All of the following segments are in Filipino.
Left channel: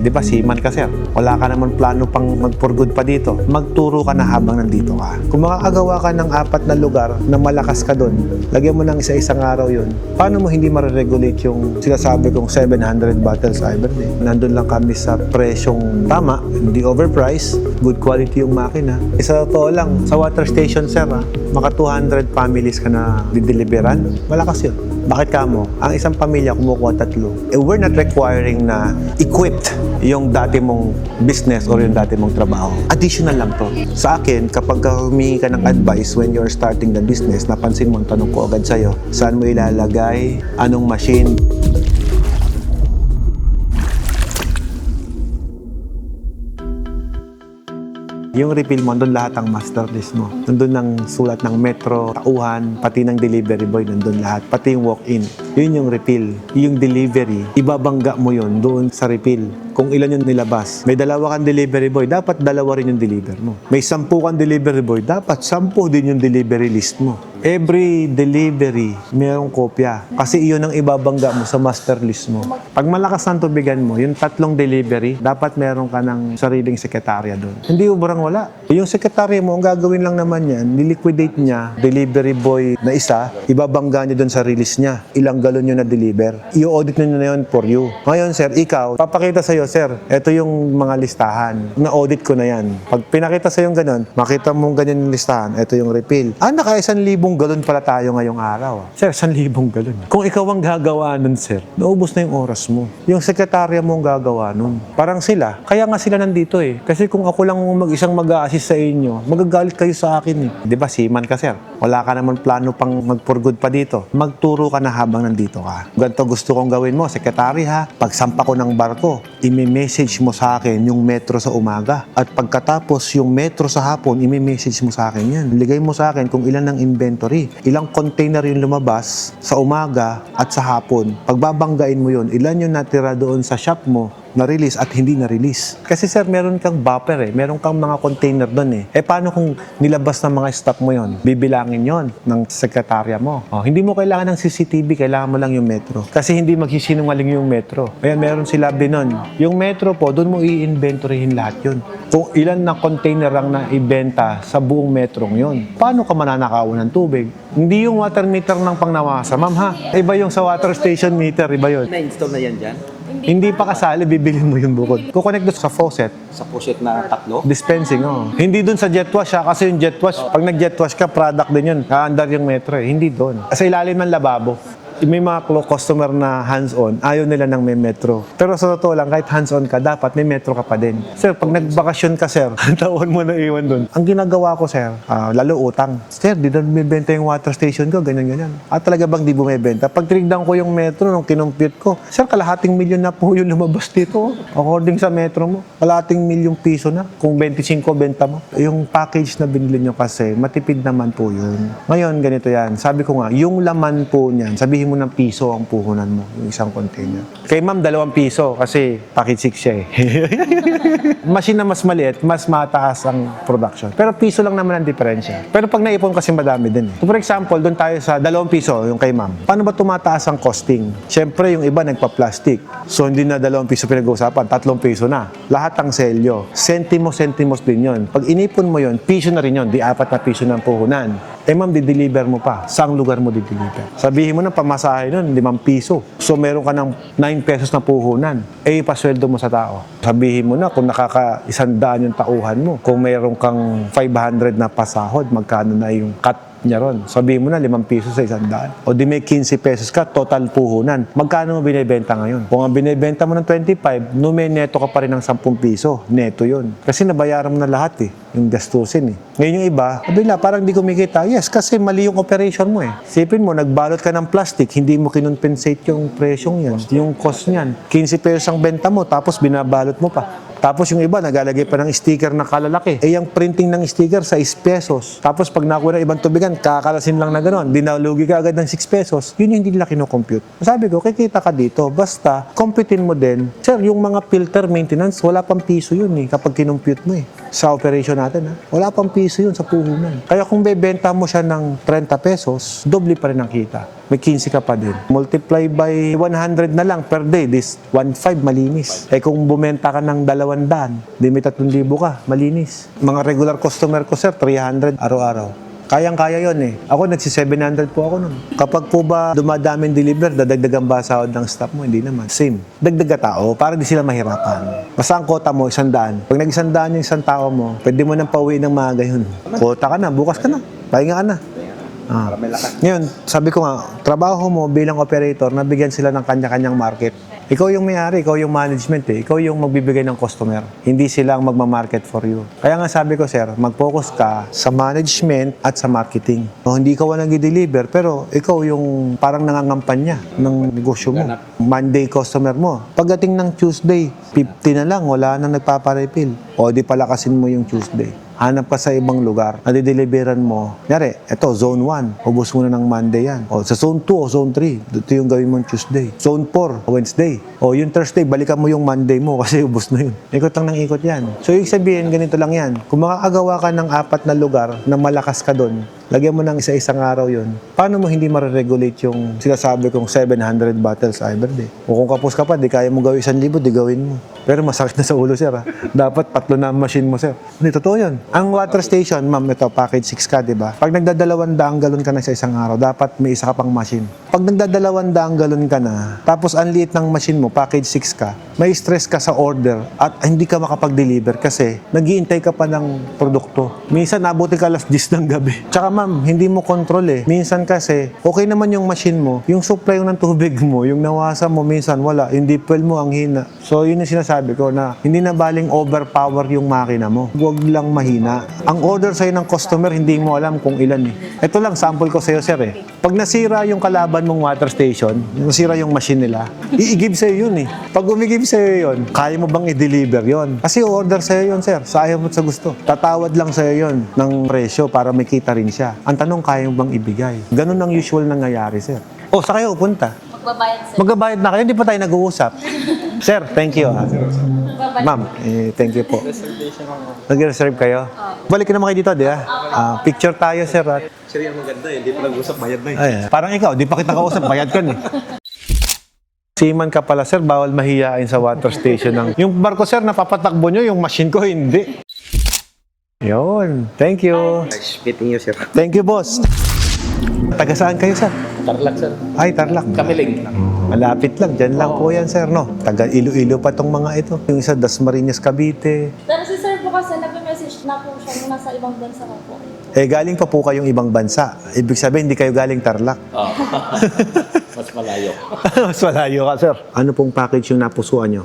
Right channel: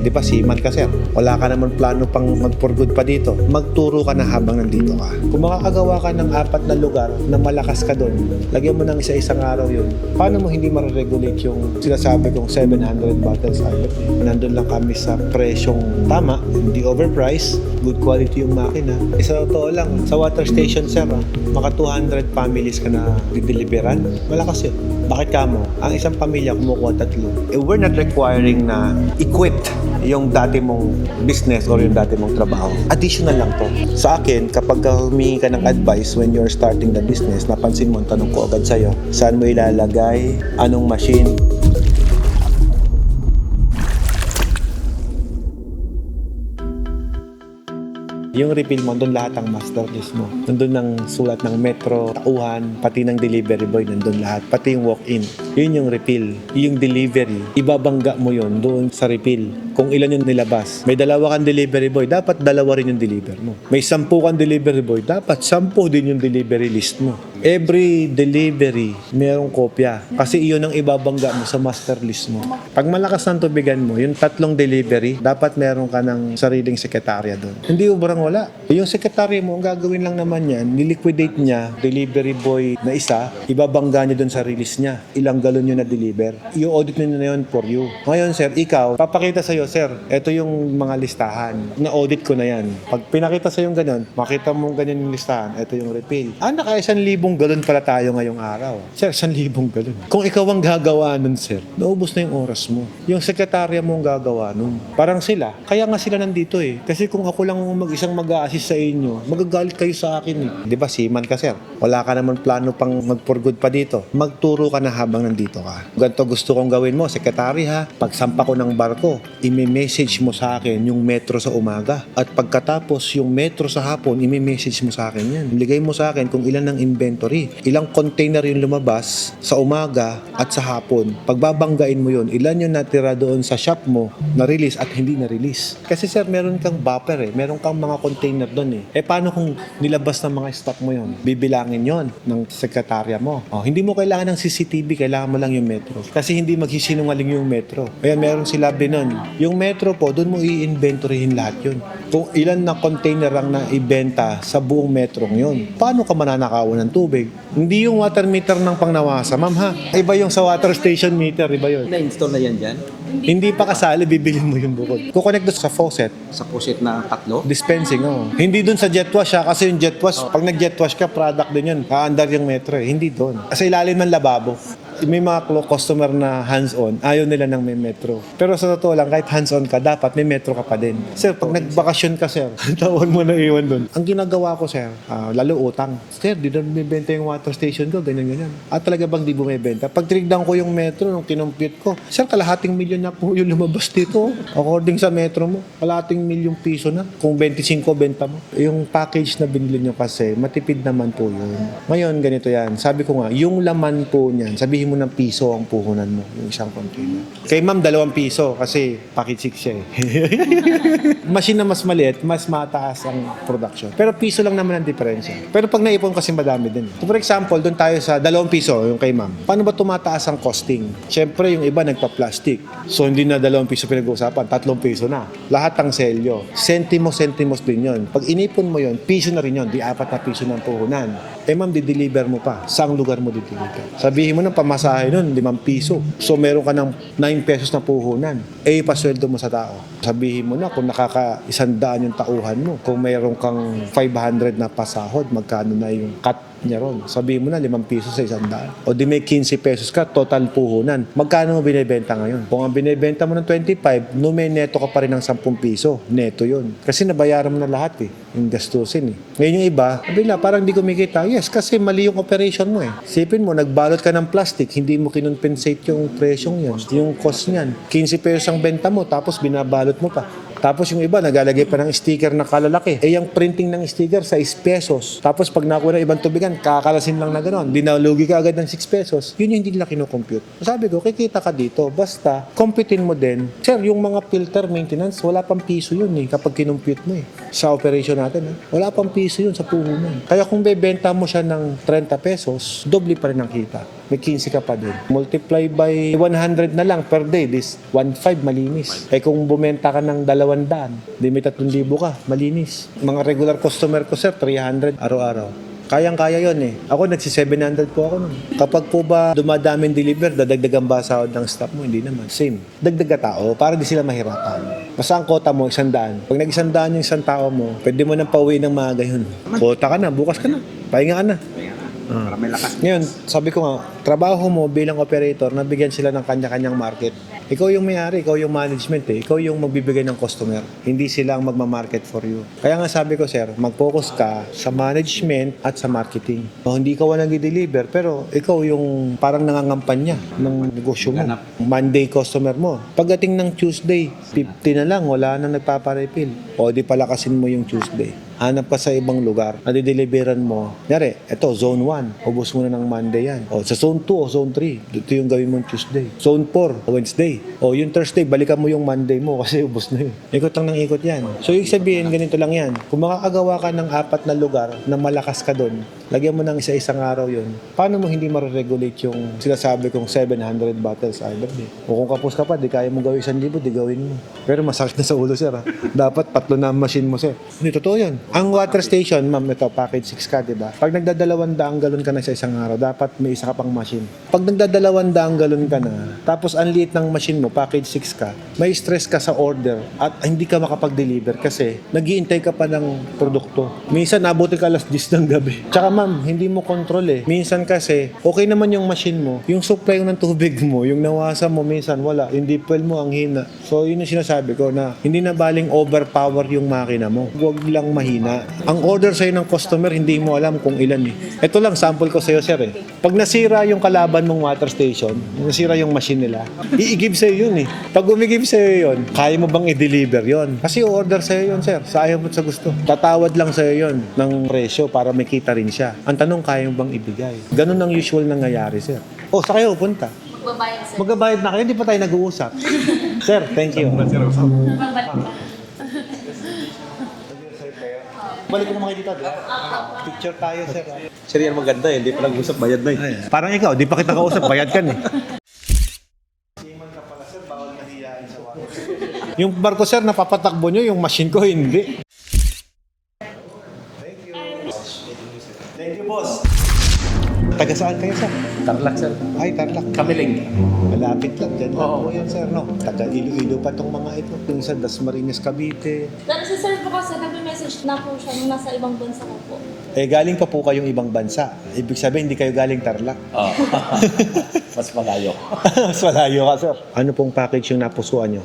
Di ba, seaman ka, sir? Wala ka naman plano pang mag-for good pa dito. Magturo ka na habang nandito ka. Kung makakagawa ka ng 4 na lugar na malakas ka doon, lagyan mo ng isa-isang araw yun, paano mo hindi ma-regulate yung sinasabi kong 700 bottles every day? Nandun lang kami sa presyong tama, hindi overpriced, good quality yung makina. Sa totoo lang, sa water station, sir, maka 200 families ka na dideliveran, malakas yun. Bakit ka mo? Ang isang pamilya kumukuha 3. We're not requiring na equip yung dati mong business or yung dati mong trabaho. Additional lang to. Sa akin, kapag humingi ka ng advice when you're starting the business, napansin mo, tanong ko agad sa'yo, saan mo ilalagay, anong machine. Yung refill mo, nandun lahat ang master list mo. Nandun ang sulat ng metro, tauhan, pati ng delivery boy, nandun lahat. Pati yung walk-in. Yun yung refill. Yung delivery, ibabangga mo yun doon sa refill. Kung ilan yung nilabas. May 2 kang delivery boy, dapat 2 rin yung deliver mo. May 10 kang delivery boy, dapat 10 din yung delivery list mo. Every delivery, mayroong kopya. Kasi iyon ang ibabangga mo sa master list mo. Pag malakas ng tubigan mo, yung 3 delivery, dapat meron ka ng sariling sekretarya doon. Hindi ubrang wala. Yung sekretarya mo, ang gagawin lang naman yan, niliquidate niya, delivery boy na isa, ibabangga niya doon sa release niya. Ilang galon yun na deliver. I-audit niyo na yun for you. Ngayon, sir, ikaw, papakita sa'yo, sir, ito yung mga listahan. Na-audit ko na yan. Pag pinakita sa'yo yung ganun, makita mong ganyan yung listahan, ito yung refill. Naka 1,000 galon pala tayo ngayong araw. Sir, 1,000 galon. Kung ikaw ang gagawa nun, sir, naubos na yung oras mo. Yung sekretarya mo ang gagawa nun. Parang sila. Kaya nga sila nandito eh. Kasi kung ako lang mag-isang mag-a-assist sa inyo, magagalit kayo sa akin eh. Di ba, seaman ka, sir? Wala ka naman plano pang mag-for good pa dito. Magturo ka na habang nandito ka. Ganito gusto kong gawin mo, sekretary ha. Pagsampa ko ng barko, imi-message mo sa akin yung metro sa umaga. At pagkatapos yung metro sa hapon, imi-message mo sa akin yan. Ligay mo sa akin kung ilan ng inventory. Ilang container yung lumabas sa umaga at sa hapon. Pagbabanggain mo yun, ilan yung natira doon sa shop mo na release at hindi na release. Kasi sir, meron kang buffer eh. Meron kang mga container doon eh. Paano kung nilabas ng mga stock mo yon? Bibilangin yon ng sekretarya mo. Hindi mo kailangan ng CCTV, kailangan mo lang yung metro. Kasi hindi magsisinungaling yung metro. Kaya meron sila binon. Yung metro po, doon mo i-inventoryhin lahat yun. Kung ilan na container ang naibenta sa buong metrong yun. Paano ka mananakawan ng tubig? Hindi yung water meter ng pangnawasa, ma'am ha. Iba yung sa water station meter, iba yun. Na-install na yan dyan? Hindi pa kasali, bibili mo yung bukod. Kukonect doon sa faucet. Sa faucet na 3? Dispensing, Hindi doon sa jet wash ha, kasi yung jet wash, pag nag-jet wash ka, product din yun. Kaandar yung metro eh. Hindi doon. Kasi ilalim ng lababo. May mga customer na hands-on, ayaw nila ng may metro. Pero sa totoo lang, kahit hands-on ka, dapat may metro ka pa din. Sir, pag nagbakasyon ka, sir, taon mo na iwan doon. Ang ginagawa ko, sir, lalo utang. Sir, di na bumibenta yung water station ko, ganyan-ganyan. Talaga bang di bumibenta? Pag tinignan ko yung metro, nung kinumpute ko, sir, kalahating milyon na po yung lumabas dito. According sa metro mo, kalahating milyong piso na. Kung 25 benta mo. Yung package na binili nyo kasi, matipid naman po yun. Ngayon, ganito yan. Sabi ko nga, yung laman po niyan, sabihin mo ng piso ang puhunan mo, yung isang container. Kay ma'am, 2 piso kasi package 6 siya eh. Machine na mas maliit, mas mataas ang production. Pero piso lang naman ang diferensya. Pero pag naipon kasi madami din. So for example, doon tayo sa 2 piso, yung kay ma'am. Paano ba tumataas ang costing? Siyempre, yung iba nagpa-plastic. So hindi na 2 piso pinag-uusapan, 3 piso na. Lahat ang selyo. Sentimos din yun. Pag inipon mo yun, piso na rin yun. Di 4 na piso ng puhunan. Ma'am, di-deliver mo pa. Saang lugar mo di-deliver? Sabihin mo na pamasahe nun, 5 piso. So, meron ka ng 9 pesos na puhunan. Ipasweldo mo sa tao. Sabihin mo na kung nakaka-100 yung tauhan mo. Kung meron kang 500 na pasahod, magkano na yung cut niya ron. Sabihin mo na 5 piso sa 100. O di may 15 pesos ka, total puhunan. Magkano mo binibenta ngayon? Kung ang binibenta mo ng 25, no may neto ka pa rin ng 10 piso. Neto yun. Kasi nabayaran mo na lahat eh. Yung gastusin eh. Ngayon yung iba, sabi na, parang di kumikita. Yes, kasi mali yung operation mo eh. Sipin mo, nagbalot ka ng plastic, hindi mo kinonpensate yung presyong yan. Yung cost niyan. 15 pesos ang benta mo, tapos binabalot mo pa. Tapos yung iba, nagalagay pa ng sticker na kalalaki. Yung printing ng sticker sa 6 pesos. Tapos pag nakuha ng ibang tubigan, yan, kakalasin lang na gano'n. Di nalugi ka agad ng 6 pesos. Yun yung hindi nila kinocompute. Sabi ko, kikita ka dito. Basta, computein mo din. Sir, yung mga filter maintenance, wala pang piso yun eh, kapag kinompute mo eh. Sa operation natin, wala pang piso yun sa puhunan. Kaya kung bebenta mo siya ng 30 pesos, doble pa rin ang kita. May 15 ka pa din. Multiply by 100 na lang per day. This 1.5 malinis. Eh kung bumenta ka ng 200, di may 3,000 ka, malinis. Mga regular customer ko sir, 300 araw-araw. Kayang-kaya yon eh. Ako nagsi-700 po ako nun. Kapag po ba dumadaming deliver, dadagdagan ba sahod ng staff mo? Hindi naman. Same. Dagdag ka tao para di sila mahirapan. Basta ang kota mo, 100. Pag nag-100 yung isang tao mo, pwede mo nang pauwi ng maaga yun. Kota ka na, bukas ka na. Pahinga ka na. Para may lakas. Ngayon, sabi ko nga, trabaho mo bilang operator, nabigyan sila ng kanya-kanyang market. Ikaw yung may-ari, ikaw yung management eh. Ikaw yung magbibigay ng customer. Hindi sila ang magmamarket for you. Kaya nga sabi ko, sir, mag-focus ka sa management at sa marketing. O hindi ikaw ang nag-deliver, pero ikaw yung parang nangangampanya ng negosyo mo. Monday customer mo. Pagdating ng Tuesday, 50 na lang, wala nang nagpaparefill. O di palakasin mo yung Tuesday. Hanap ka sa ibang lugar, nadideliveran mo. Nyari, eto, zone 1. Ubus mo na ng Monday yan. O, sa zone 2 o zone 3, dito yung gawin mo Tuesday. Zone 4, Wednesday. O, yung Thursday, balikan mo yung Monday mo kasi ubus na yun. Ikot lang ng ikot yan. So, yung sabihin, ganito lang yan. Kung makakagawa ka ng 4 na lugar na malakas ka doon, lagyan mo ng isa-isang araw yun, paano mo hindi mariregulate yung sinasabi kong 700 bottles every day? O kung kapos ka pa, di kaya mo gawin 1,000, di gawin mo. Pero masakit na sa ulo, sir. Ha? Dapat 3 na ang machine mo, sir. Hindi, totoo yun. Ang water station, ma'am, ito, package 6 ka, di ba? Pag nagdadalawang galon ka na sa isang araw, dapat may isa ka pang machine. Pag nagdadalawang galon ka na, tapos ang liit ng machine mo, package 6 ka, may stress ka sa order at hindi ka makapag-deliver kasi nag-iintay ka pa ng produkto. Minsan, nabuti ka alas 10 ng gabi. Tsaka ma'am, hindi mo control eh. Minsan kasi, okay naman yung machine mo, yung supply ng tubig mo, yung nawasa mo, minsan wala, yung deep well mo ang hina. So, yun yung sinasabi ko na hindi na baling overpower yung makina mo. Huwag lang mahina. Ang order sa'yo ng customer, hindi mo alam kung ilan eh. Ito lang, sample ko sa'yo, sir eh. Pag nasira yung kalaban mong water station, nasira yung machine nila, i-give sa'yo yun eh. Pag umigib sa'yo yun, kaya mo bang i-deliver yun? Kasi order sa'yo yun, sir. Sa ayaw mo at sa gusto. Tatawad lang sa'yo yun ng presyo para may kita rin siya. Ang tanong, kaya mo bang ibigay? Ganun ang usual nangyayari, sir. Oh, sa kayo punta? Magbabayad sir. Magbabayad na kayo, hindi pa tayo nag-uusap. Sir, thank you. Ma'am, thank you po. Nag-reserve kayo? Balik naman kayo dito, di ba? Picture tayo, sir. Sir, yan maganda eh. Hindi pa nag-usap, bayad na eh. Ay, parang ikaw, di pa kita kausap, bayad ka eh. Seaman ka pala, sir, bawal mahiyain sa water station. Yung barko, sir, napapatakbo nyo, yung machine ko, hindi. Yun, thank you. Nice meeting you, sir. Thank you, boss. Taga saan kayo, sir? Tarlac, sir. Ay, Tarlac. Kamiling. Malapit lang, dyan lang Oo. po yan, sir, no? Taga Iloilo pa tong mga ito. Yung isa, Dasmariñas, Cavite. Pero si sir po kasi nag-message na po siya nung nasa ibang bansa na po. Eh, galing pa po kayong ibang bansa. Ibig sabihin, hindi kayo galing Tarlac. Oo. Mas malayo. Mas malayo ka, sir. Ano pong package yung napusuan nyo?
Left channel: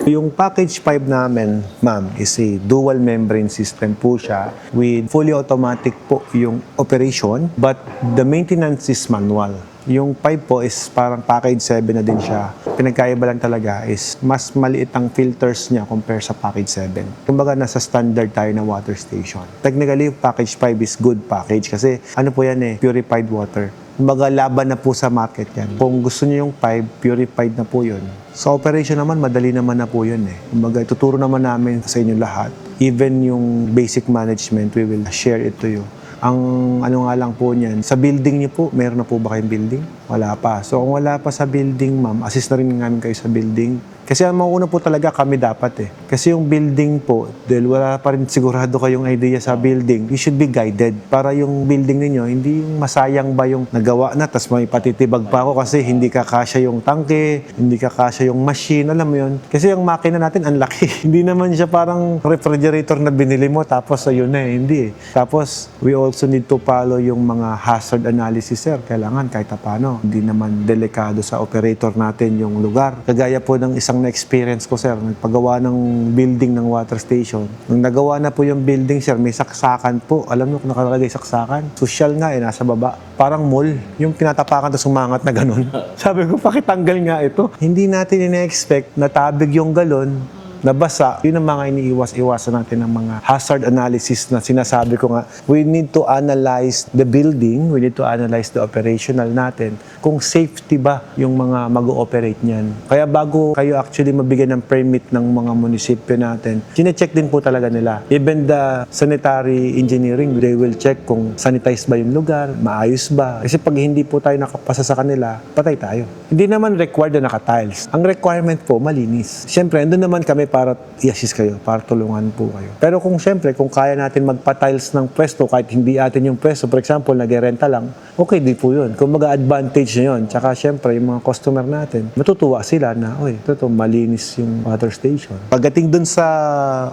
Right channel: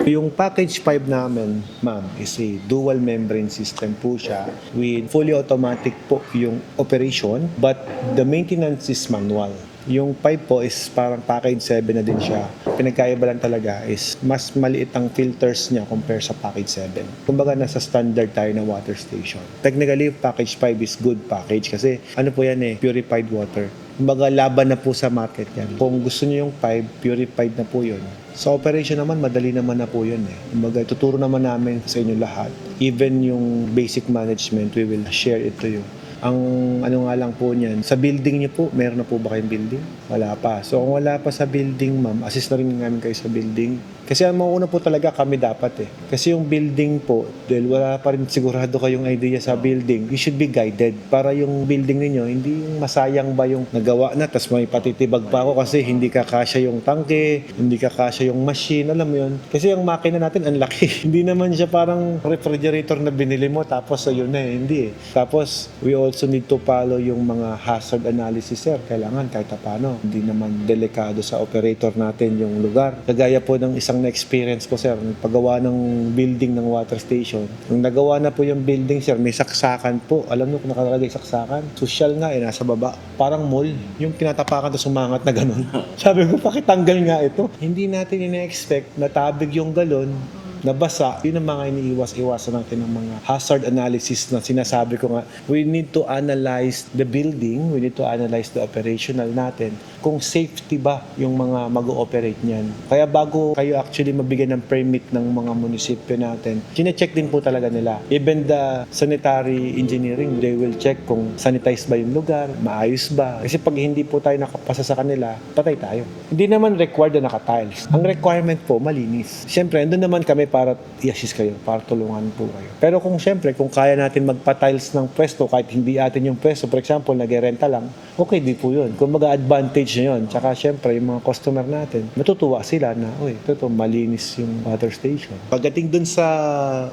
Yung package 5 namin, ma'am, is a dual membrane system po siya with fully automatic po yung operation but the maintenance is manual. Yung 5 po is parang package 7 na din siya. Pinagkaiba lang talaga is mas maliit ang filters niya compare sa package 7. Kumbaga nasa standard tayo na water station. Technically, package 5 is good package kasi ano po yan eh, purified water. Kumbaga laban na po sa market yan. Kung gusto niyo yung 5, purified na po yun. Sa operation naman, madali naman na po yun eh. Kumbaga ituturo naman namin sa inyo lahat. Even yung basic management, we will share it to you. Ang ano nga lang po niyan, sa building niyo po, meron na po ba kayong building? Wala pa. So kung wala pa sa building, ma'am, assist na rin namin kayo sa building. Kasi ang mauna po talaga kami dapat eh. Kasi yung building po, dahil wala pa rin sigurado kayong idea sa building, you should be guided para yung building ninyo, hindi yung masayang ba yung nagawa na, tas may patitibag pa ako kasi hindi kakasya yung tangke, hindi kakasya yung machine, alam mo yun. Kasi yung makina natin, ang laki. Hindi naman siya parang refrigerator na binili mo, tapos ayun na eh, hindi eh. Tapos, we also need to follow yung mga hazard analysis, sir. Kailangan kahit paano, hindi naman delikado sa operator natin yung lugar. Kagaya po ng isang na-experience ko, sir, paggawa ng building ng water station. Nung nagawa na po yung building, sir, may saksakan po. Alam mo kung nakalagay saksakan? Social nga eh, nasa baba. Parang mall. Yung tinatapakan tapos sumangat na ganun. Sabi ko, pakitanggal nga ito. Hindi natin ina-expect na tabig yung galon, nabasa, yun ang mga iniiwas-iwasan natin ng mga hazard analysis na sinasabi ko nga. We need to analyze the building, we need to analyze the operational natin, kung safety ba yung mga mag-ooperate niyan. Kaya bago kayo actually mabigyan ng permit ng mga munisipyo natin, chinecheck din po talaga nila. Even the sanitary engineering, they will check kung sanitize ba yung lugar, maayos ba. Kasi pag hindi po tayo nakapasa sa kanila, patay tayo. Hindi naman required na naka-tiles. Ang requirement po, malinis. Siyempre, andun naman kami para i-assist kayo, para tulungan po kayo. Pero kung siyempre, kung kaya natin magpa-tiles ng pwesto, kahit hindi atin yung pwesto, for example, nag-renta lang, okay di po yun. Kung mag-advantage nyo yun, tsaka siyempre, yung mga customer natin, matutuwa sila na, oy, ito malinis yung water station. Pagdating dun sa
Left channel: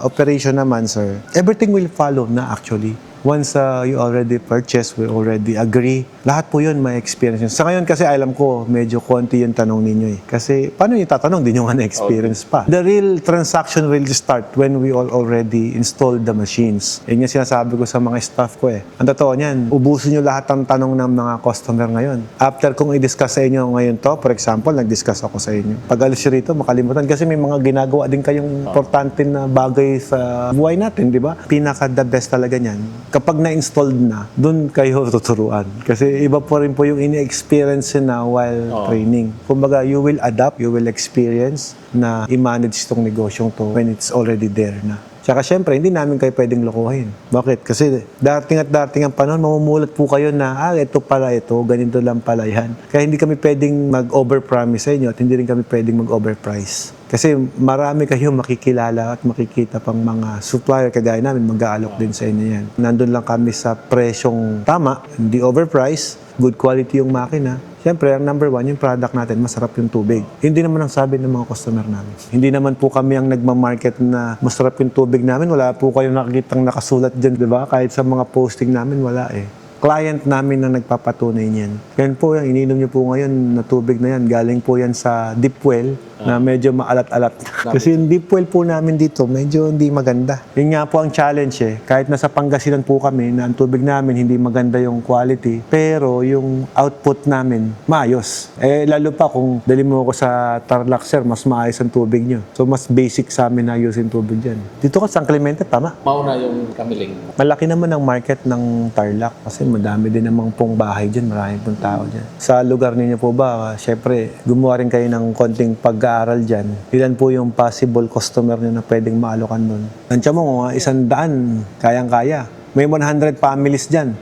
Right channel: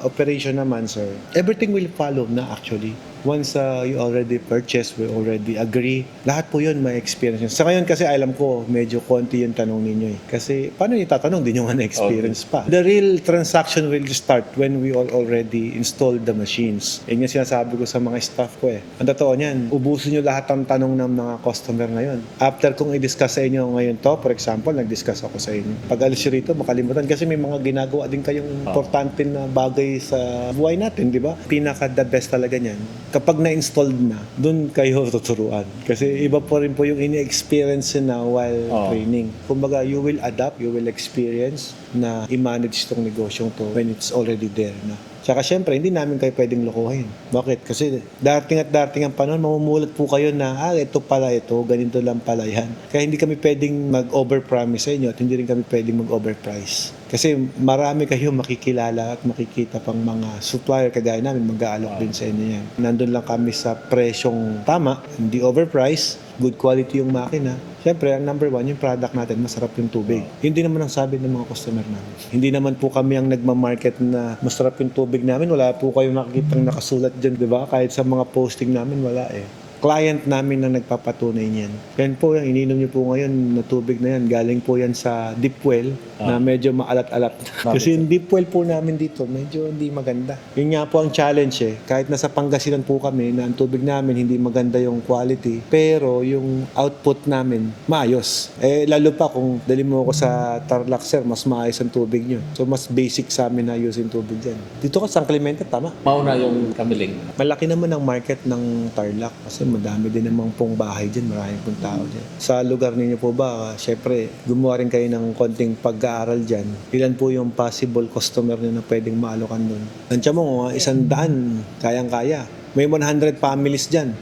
operation naman, sir, everything will follow na actually. Once you already purchase, we already agree. Lahat po yun may experience yun. Sa ngayon kasi alam ko, medyo konti yung tanong ninyo eh. Kasi paano yung tatanong? Di nyo nga na-experience pa. The real transaction will start when we already installed the machines. Yun yung sinasabi ko sa mga staff ko eh. Ang totoo niyan, ubusin nyo lahat ng tanong ng mga customer ngayon. After kong i-discuss sa inyo ngayon to, for example, nag-discuss ako sa inyo. Pag alis nyo rito, makalimutan. Kasi may mga ginagawa din kayong importante na bagay sa buhay natin, di ba? Pinaka-the best talaga niyan. Kapag na-installed na, doon kayo tuturuan. Kasi iba po rin po yung ini-experience na while training. Kumbaga, you will adapt, you will experience na i-manage itong negosyong to when it's already there na. Tsaka syempre, hindi namin kayo pwedeng lokohin. Bakit? Kasi dating at dating ang panahon, mamumulat po kayo na, ito pala ito, ganito lang pala yan. Kaya hindi kami pwedeng mag-overpromise sa inyo at hindi rin kami pwedeng mag-overprice. Kasi marami kayong makikilala at makikita pang mga supplier kagaya namin, mag-aalok din sa inyo yan. Nandun lang kami sa presyong tama, hindi overprice, good quality yung makina. Siyempre, ang number one, yung product natin, masarap yung tubig. Hindi naman ang sabi ng mga customer namin. Hindi naman po kami ang nagmamarket na masarap yung tubig namin. Wala po kayong nakikitang nakasulat dyan, di ba? Kahit sa mga posting namin, wala eh. Client namin ang nagpapatunay niyan. Yan po, yung ininom niyo po ngayon na tubig na yan, galing po yan sa deep well na medyo maalat-alat. Kasi yung deep well po namin dito, medyo hindi maganda. Yun nga po ang challenge eh. Kahit nasa Pangasinan po kami na ang tubig namin hindi maganda yung quality, pero yung output namin maayos. Eh lalo pa kung dali mo ako sa Tarlac, sir, mas maayos ang tubig nyo. So mas basic sa amin na ayusin tubig dyan. Dito ka sa San Clemente, tama? Mauna yung kamiling. Malaki naman ang market ng Tarlac kasi madami din namang pong bahay dyan, marami pong tao dyan. Sa lugar ninyo po ba, syempre, gumawa rin kayo ng konting pag-aaral dyan. Ilan po yung possible customer nyo na pwedeng maalokan doon? Nandiyan mo, 100, kayang-kaya. May 100 families dyan.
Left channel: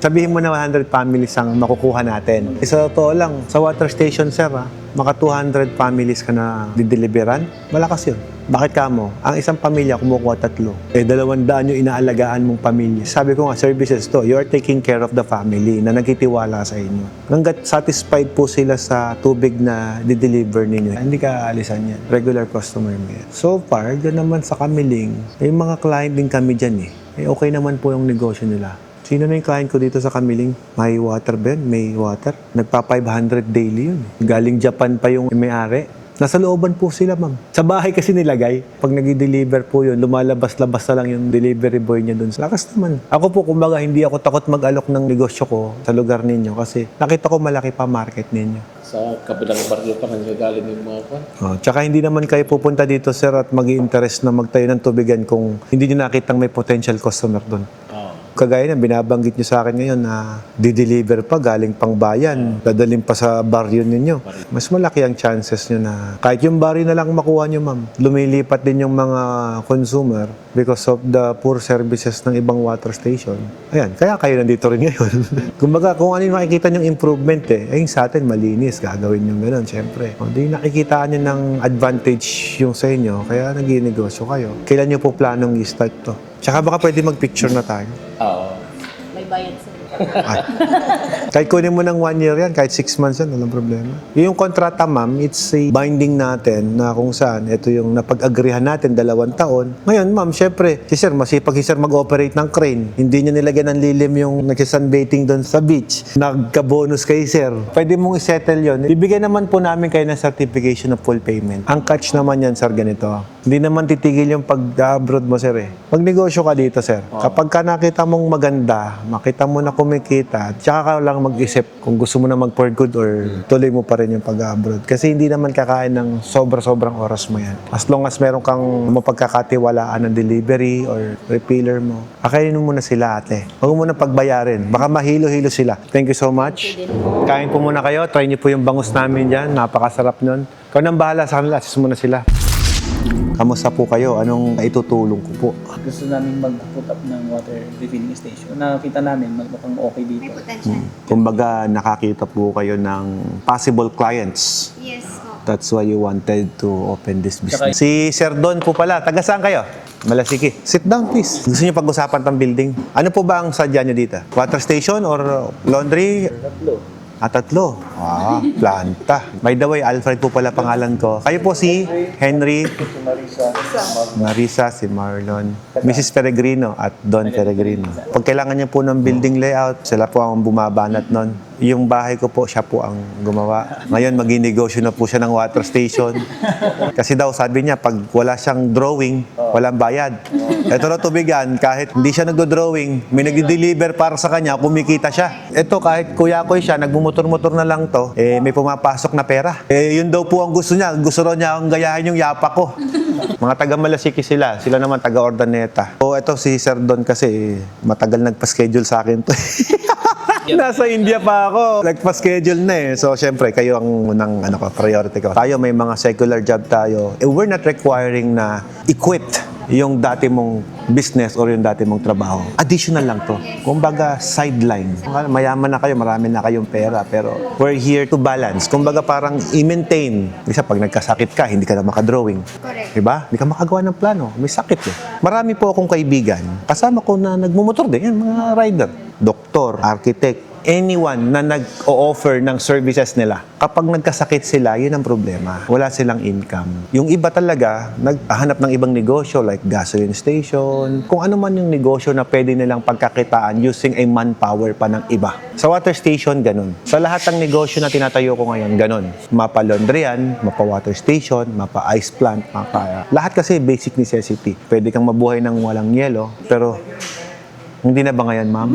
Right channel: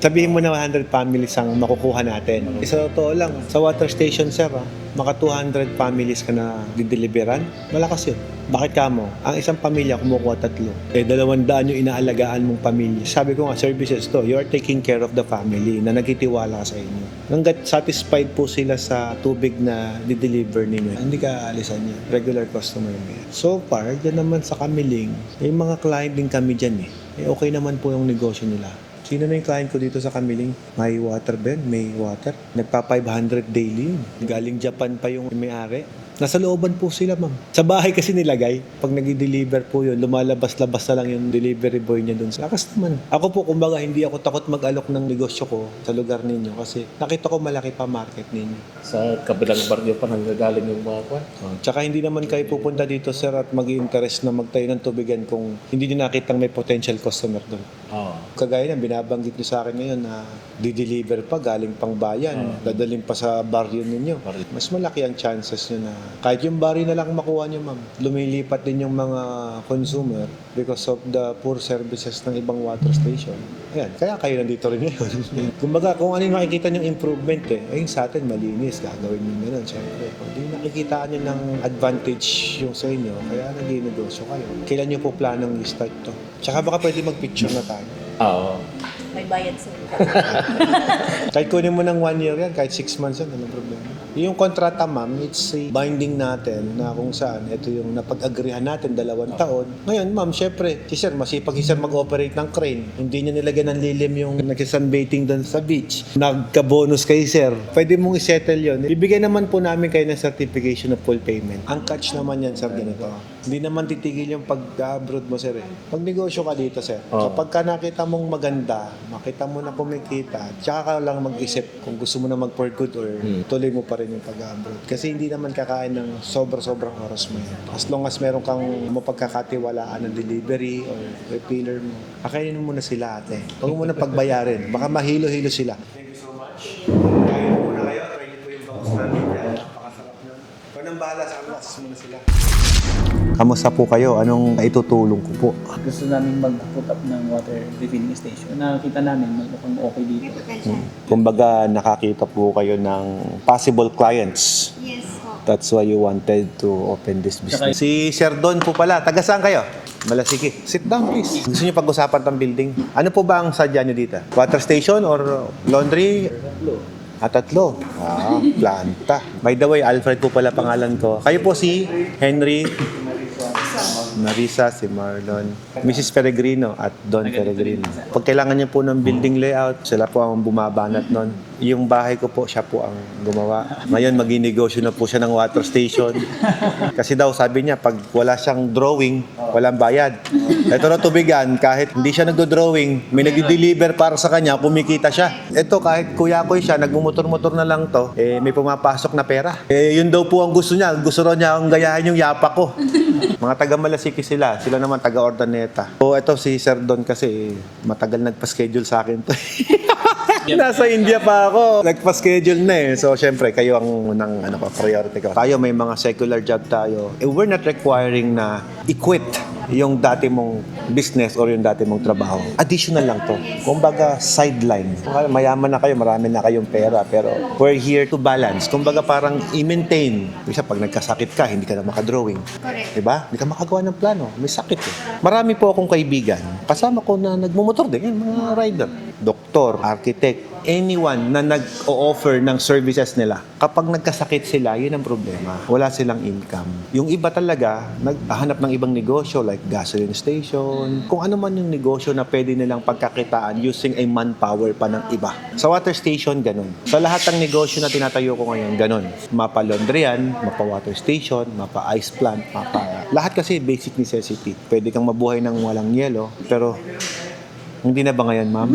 Sabihin mo na 100 families ang makukuha natin. Sa totoo lang, sa water station, sir, maka 200 families ka na dideliveran, malakas yun. Bakit ka mo? Ang isang pamilya kumukuha 3. 200 yung inaalagaan mong pamilya. Sabi ko nga, services to, you are taking care of the family na nagtitiwala sa inyo. Hanggat satisfied po sila sa tubig na dideliver ninyo, hindi ka aalisan yan. Regular customer mo. So far, dyan naman sa Kamiling, may mga client din kami dyan eh. Okay naman po yung negosyo nila. Sino na yung client ko dito sa Kamiling? May water ba? May water. Nagpa 500 daily yun. Galing Japan pa yung may-ari. Nasa looban po sila, ma'am. Sa bahay kasi nilagay. Pag nag-deliver po yun, lumalabas-labas na lang yung delivery boy niya dun. Lakas naman. Ako po, kumbaga, hindi ako takot mag-alok ng negosyo ko sa lugar ninyo kasi nakita ko malaki pa market ninyo. Sa kabilang barrio pa nanggagaling yung mga kwan. Tsaka hindi naman kayo pupunta dito, sir, at mag-i-interest na magtayo ng tubigan kung hindi nyo nakitang may potential customer doon. Kagaya na binabanggit niyo sa akin ngayon na di-deliver pa galing pang bayan, dadalhin pa sa baryo ninyo. Mas malaki ang chances niyo na kahit yung baryo na lang makuha niyo, ma'am. Lumilipat din yung mga consumer because of the poor services ng ibang water station. Ayan, kaya kayo nandito rin ngayon. Kumbaga, kung ano yung makikita niyong improvement ayun sa atin malinis, gagawin niyo gano'n, syempre. Hindi nakikita niyo ng advantage yung sa inyo, kaya nag-i-negosyo kayo. Kailan niyo po planong i-start to? Tsaka baka pwede mag-picture na tayo. May bayad sa Kahit kunin mo ng 1 year yan, kahit 6 months yan, walang problema. Yung kontrata, ma'am, it's a binding natin na kung saan, ito yung napag-agrihan natin 2 taon. Ngayon, ma'am, syempre, si sir, masipag si sir mag-operate ng crane. Hindi niya nilagyan ng lilim yung nag-sunbathing doon sa beach. Nagka-bonus kay sir. Pwede mong isettle yun. Ibigay naman po namin kayo ng certification of full payment. Ang catch naman yan, sir, ganito. Hindi naman titigil yung pag-abroad mo, sir eh. Magnegosyo ka dito, sir. Kapag ka nakita mong maganda, makita mo na kumikita, tsaka ka lang mag-isip kung gusto mo na mag-for good or tuloy mo pa rin yung pag-abroad. Kasi hindi naman kakain ng sobra-sobrang oras mo yan. As long as meron kang mapagkakatiwalaan ng delivery or refiller mo, akainin mo muna sila, ate. Huwag mo muna pagbayarin. Baka mahilo-hilo sila. Thank you so much. Kain po muna kayo. Try niyo po yung bangus namin dyan. Napakasarap nun. Ikaw nang bahala sa kanila. Assist muna sila. Kamusta po kayo? Anong itutulong ko po? Gusto namin mag-put up ng water refilling station. Nakakita namin, mukhang okay dito. Kumbaga, nakakita po kayo ng possible clients. Yes po. That's why you wanted to open this business. Si Sir Don po pala. Taga saan kayo? Malasiki. Sit down, please. Gusto niyo pag-usapan ng building? Ano po ba ang sadya niyo dito? Water station or laundry? Tatlo. Planta. By the way, Alfred po pala pangalan ko. Kayo po si Henry, Marisa, si Marlon, Mrs. Peregrino at Don Peregrino. Pag kailangan niyo po ng building layout, sila po ang bumabanat nun. Yung bahay ko po, siya po ang gumawa. Ngayon, maging-negosyo na po siya ng water station. Kasi daw, sabi niya, pag wala siyang drawing, walang bayad. Ito na tubigan, kahit hindi siya nag-drawing, may nag-deliver para sa kanya, kumikita siya. Ito, kahit kuya-kuy siya, nagmumotor-motor na lang to, may pumapasok na pera. Yun daw po ang gusto niya. Gusto raw niya ang gayahin yung yapa ko. Mga taga Malasiki sila. Sila naman taga Ordaneta. So, ito si Sir Don kasi matagal nagpa-schedule sa akin to. Nasa India pa ako. Nagpa-schedule na eh. So, syempre, kayo ang unang priority ko. Tayo may mga secular job tayo. We're not requiring na i-quit yung dati mong business or yung dati mong trabaho. Additional lang to. Kumbaga, sideline. Mayaman na kayo, marami na kayong pera, pero we're here to balance. Kumbaga, parang i-maintain. Isa, pag nagkasakit ka, hindi ka na makadrawing. Correct. Diba? Hindi ka makagawa ng plano. May sakit eh. Marami po akong kaibigan. Kasama ko na nagmumotor din. Yan, mga rider. Doktor, architect, anyone na nag-o-offer ng services nila. Kapag nagkasakit sila, yun ang problema. Wala silang income. Yung iba talaga, naghahanap ng ibang negosyo like gasoline station, kung ano man yung negosyo na pwede nilang pagkakitaan using a manpower pa ng iba. Sa water station, ganun. Sa lahat ng negosyo na tinatayo ko ngayon, ganun. Mapa-laundryan, mapa-water station, mapa-ice plant, lahat kasi basic necessity. Pwede kang mabuhay ng walang yelo, pero hindi na ba ngayon, ma'am?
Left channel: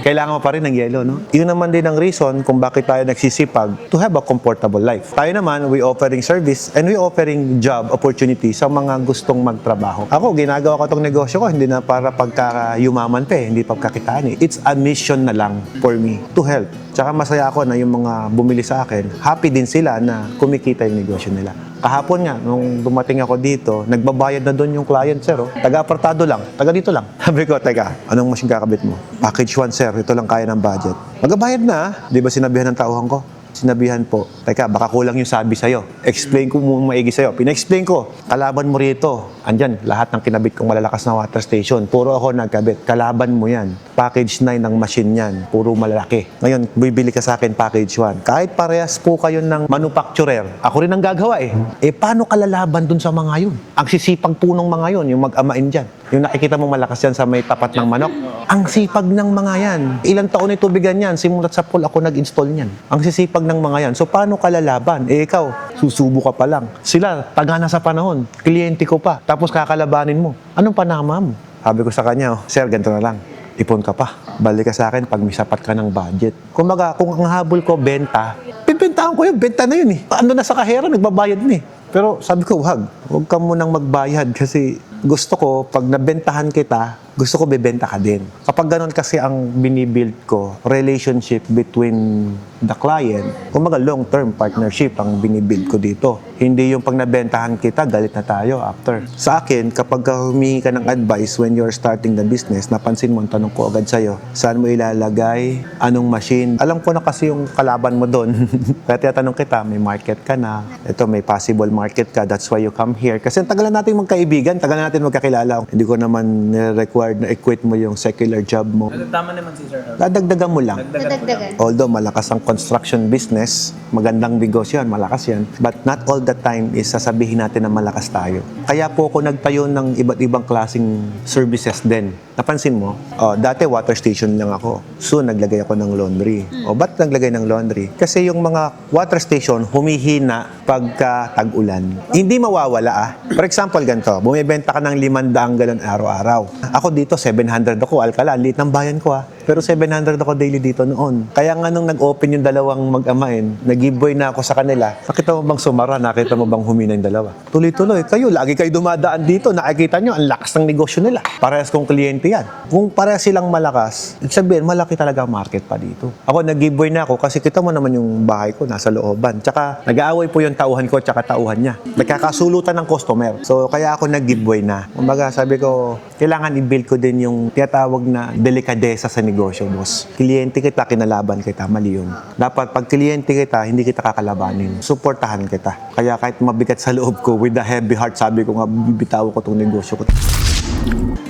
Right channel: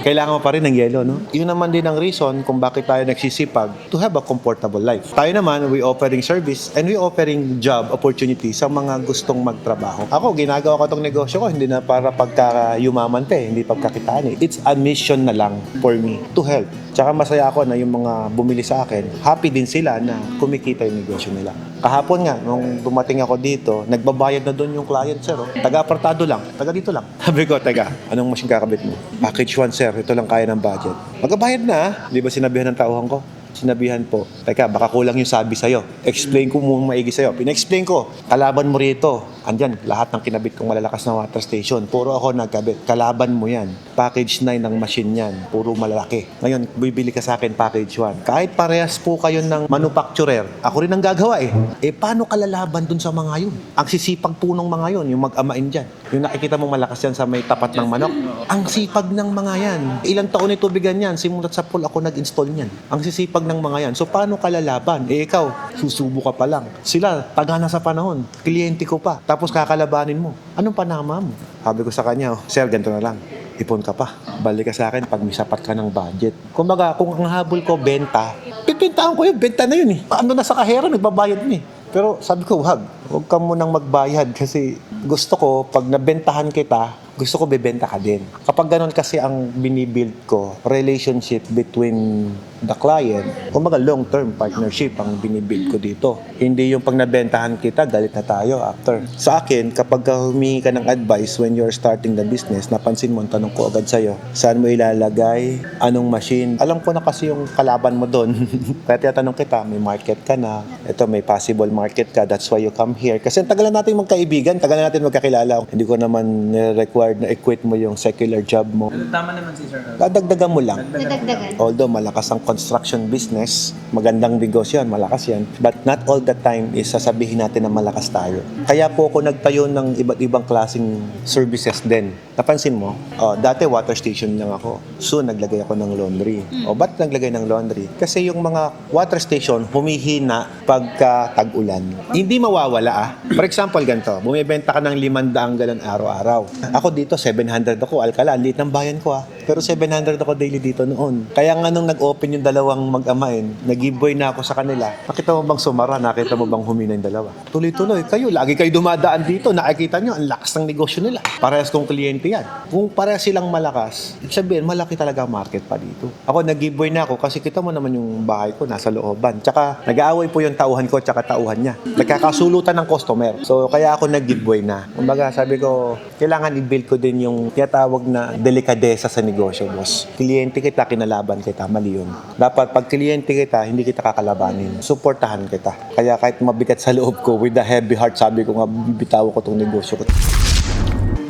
Kailangan mo pa rin ng yelo, no? Yun naman din ang reason kung bakit tayo nagsisipag to have a comfortable life. Tayo naman, we offering service and we offering job opportunity sa mga gustong magtrabaho. Ako, ginagawa ko itong negosyo ko, hindi na para pagka-yumaman pa eh, hindi pagkakitaan eh. It's a mission na lang for me to help. Tsaka masaya ako na yung mga bumili sa akin, happy din sila na kumikita yung negosyo nila. Kahapon nga, nung dumating ako dito, nagbabayad na doon yung client, sir. Oh. Taga-apartado lang, taga dito lang. Sabi ko, teka, anong machine kakabit mo? Package 1, sir. Ito lang kaya ng budget. Magbabayad na, ah. Di ba sinabihan ng tauhan ko? Sinabihan po, teka, baka kulang yung sabi sa'yo. Explain ko mong maigi sa'yo. Pina-explain ko, kalaban mo rito. Andyan, lahat ng kinabit kong malalakas na water station. Puro ako nagkabit. Kalaban mo yan. Package 9 ng machine yan. Puro malalaki. Ngayon, bibili ka sa akin package 1. Kahit parehas po kayo ng manufacturer, ako rin ang gagawa eh. Paano kalalaban dun sa mga yun? Ang sisipag po ng mga yun, yung mag-amain dyan. Yung nakikita mo malakas yan sa may tapat ng manok. Ang sipag ng mga yan. Ilang taon ito tubigan yan. Simulat sa pool ako nag-install niyan. Ang sisipag ng mga yan. So, paano kalalaban? Ikaw, susubo ka pa lang. Sila, taga na sa panahon. Kliyente ko pa. Tapos kakalabanin mo. Anong panama mo? Sabi ko sa kanya, sir, ganito na lang. Ipon ka pa. Balik ka sa akin pag may sapat ka ng budget. Kumbaga, kung ang habol ko, benta, pipintahan ko yung benta na yun eh. Ano na sa kahera, nagbabayad na eh. Pero sabi ko, huwag ka munang magbayad kasi gusto ko, pag nabentahan kita, gusto ko bebenta ka din. Kapag ganun kasi ang binibuild ko, relationship between the client, kumbaga long-term partnership ang binibuild ko dito. Hindi yung pag nabentahan kita, galit na tayo after. Sa akin, kapag humingi ka ng advice when you're starting the business, napansin mo, tanong ko agad sa'yo, saan mo ilalagay, anong machine. Alam ko na kasi yung kalaban mo doon. Kaya tinatanong kita, may market ka na, ito may possible market ka, that's why you come here. Kasi tagal na natin magkaibigan, tagal na natin magkakilala. Hindi ko naman nire-require required na i-quit mo yung secular job mo. Tama naman si Sir. Dadagdagan mo lang. Dadagdagan. Although malakas ang construction business, magandang negosyo yan, malakas yan. But not all the time is sasabihin natin na malakas tayo. Kaya po ako nagtayo ng iba't ibang klaseng services din. Napansin mo, dati water station lang ako. Soon, naglagay ako ng laundry. Ba't naglagay ng laundry? Kasi yung mga water station humihina pagka tag-ulan. Hindi mawawala For example, ganito, bumibenta ka ng 500 galon araw-araw. Ako dito, 700 ako, Alcala, ang liit ng bayan ko Pero 700 ako daily dito noon. Kaya nga nung nag-open yung dalawang mag-amain, nag-giveaway na ako sa kanila. Nakita mo bang sumara? Nakita mo bang humina yung dalawa? Tuloy-tuloy. Kayo, lagi kayo dumadaan dito. Nakikita nyo, ang lakas ng negosyo nila. Parehas kong kliyente yan. Kung parehas silang malakas, sabihin, malaki talaga ang market pa dito. Ako, nag-giveaway na ako kasi kita mo naman yung bahay ko nasa looban. Tsaka, nag-aaway po yung tauhan ko tsaka tauhan niya. Nagkakasulutan ng customer. So, kaya ako nag-giveaway na. Kumbaga, sabi ko, kailangan i-build ko din yung tinatawag na delikadesa sa negosyo, boss. Kliyente kita, kinalaban kita. Mali yun. Dapat, pag kliyente kita, hindi kita kakalabanin. Suportahan kita. Kaya kahit mabigat sa loob ko, with a heavy heart, sabi ko nga, bibitaw ko tong negosyo ko.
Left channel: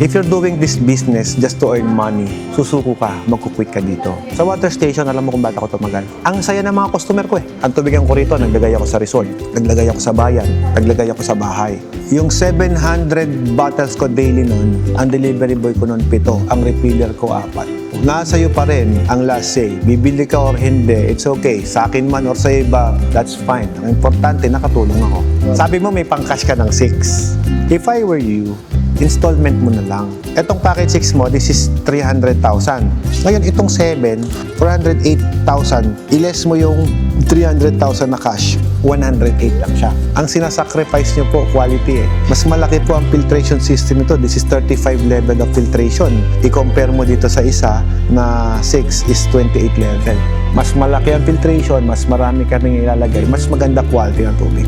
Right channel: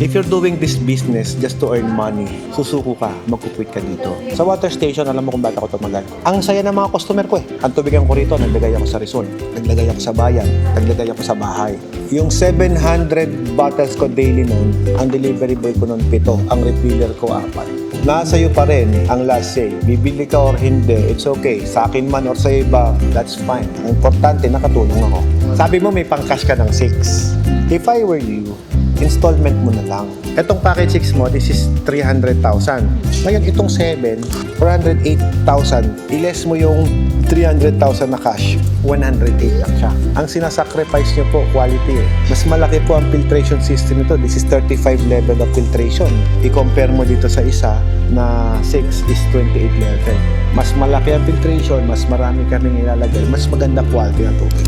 If you're doing this business just to earn money, susuko ka, magkukwit ka dito. Sa water station, alam mo kung bakit ako tumagal. Ang saya ng mga customer ko Ang tubigan ko rito, naglagay ako sa resort, naglagay ako sa bayan, naglagay ako sa bahay. Yung 700 bottles ko daily nun, ang delivery boy ko nun 7, ang refiller ko 4. Nasa iyo pa rin ang last say. Bibili ka or hindi, it's okay. Sa akin man or sa iba, that's fine. Ang importante, nakatulong ako. Sabi mo may pang-cash ka ng 6. If I were you, installment mo na lang. Etong package 6 mo, this is 300,000. Ngayon, itong 7, 408,000. I-less mo yung 300,000 na cash, 108 lang siya. Ang sinasacrifice nyo po, quality Mas malaki po ang filtration system nito. This is 35 level of filtration. I-compare mo dito sa isa na 6 is 28 level. Mas malaki ang filtration, mas marami kami nilalagay, mas maganda quality ng tubig.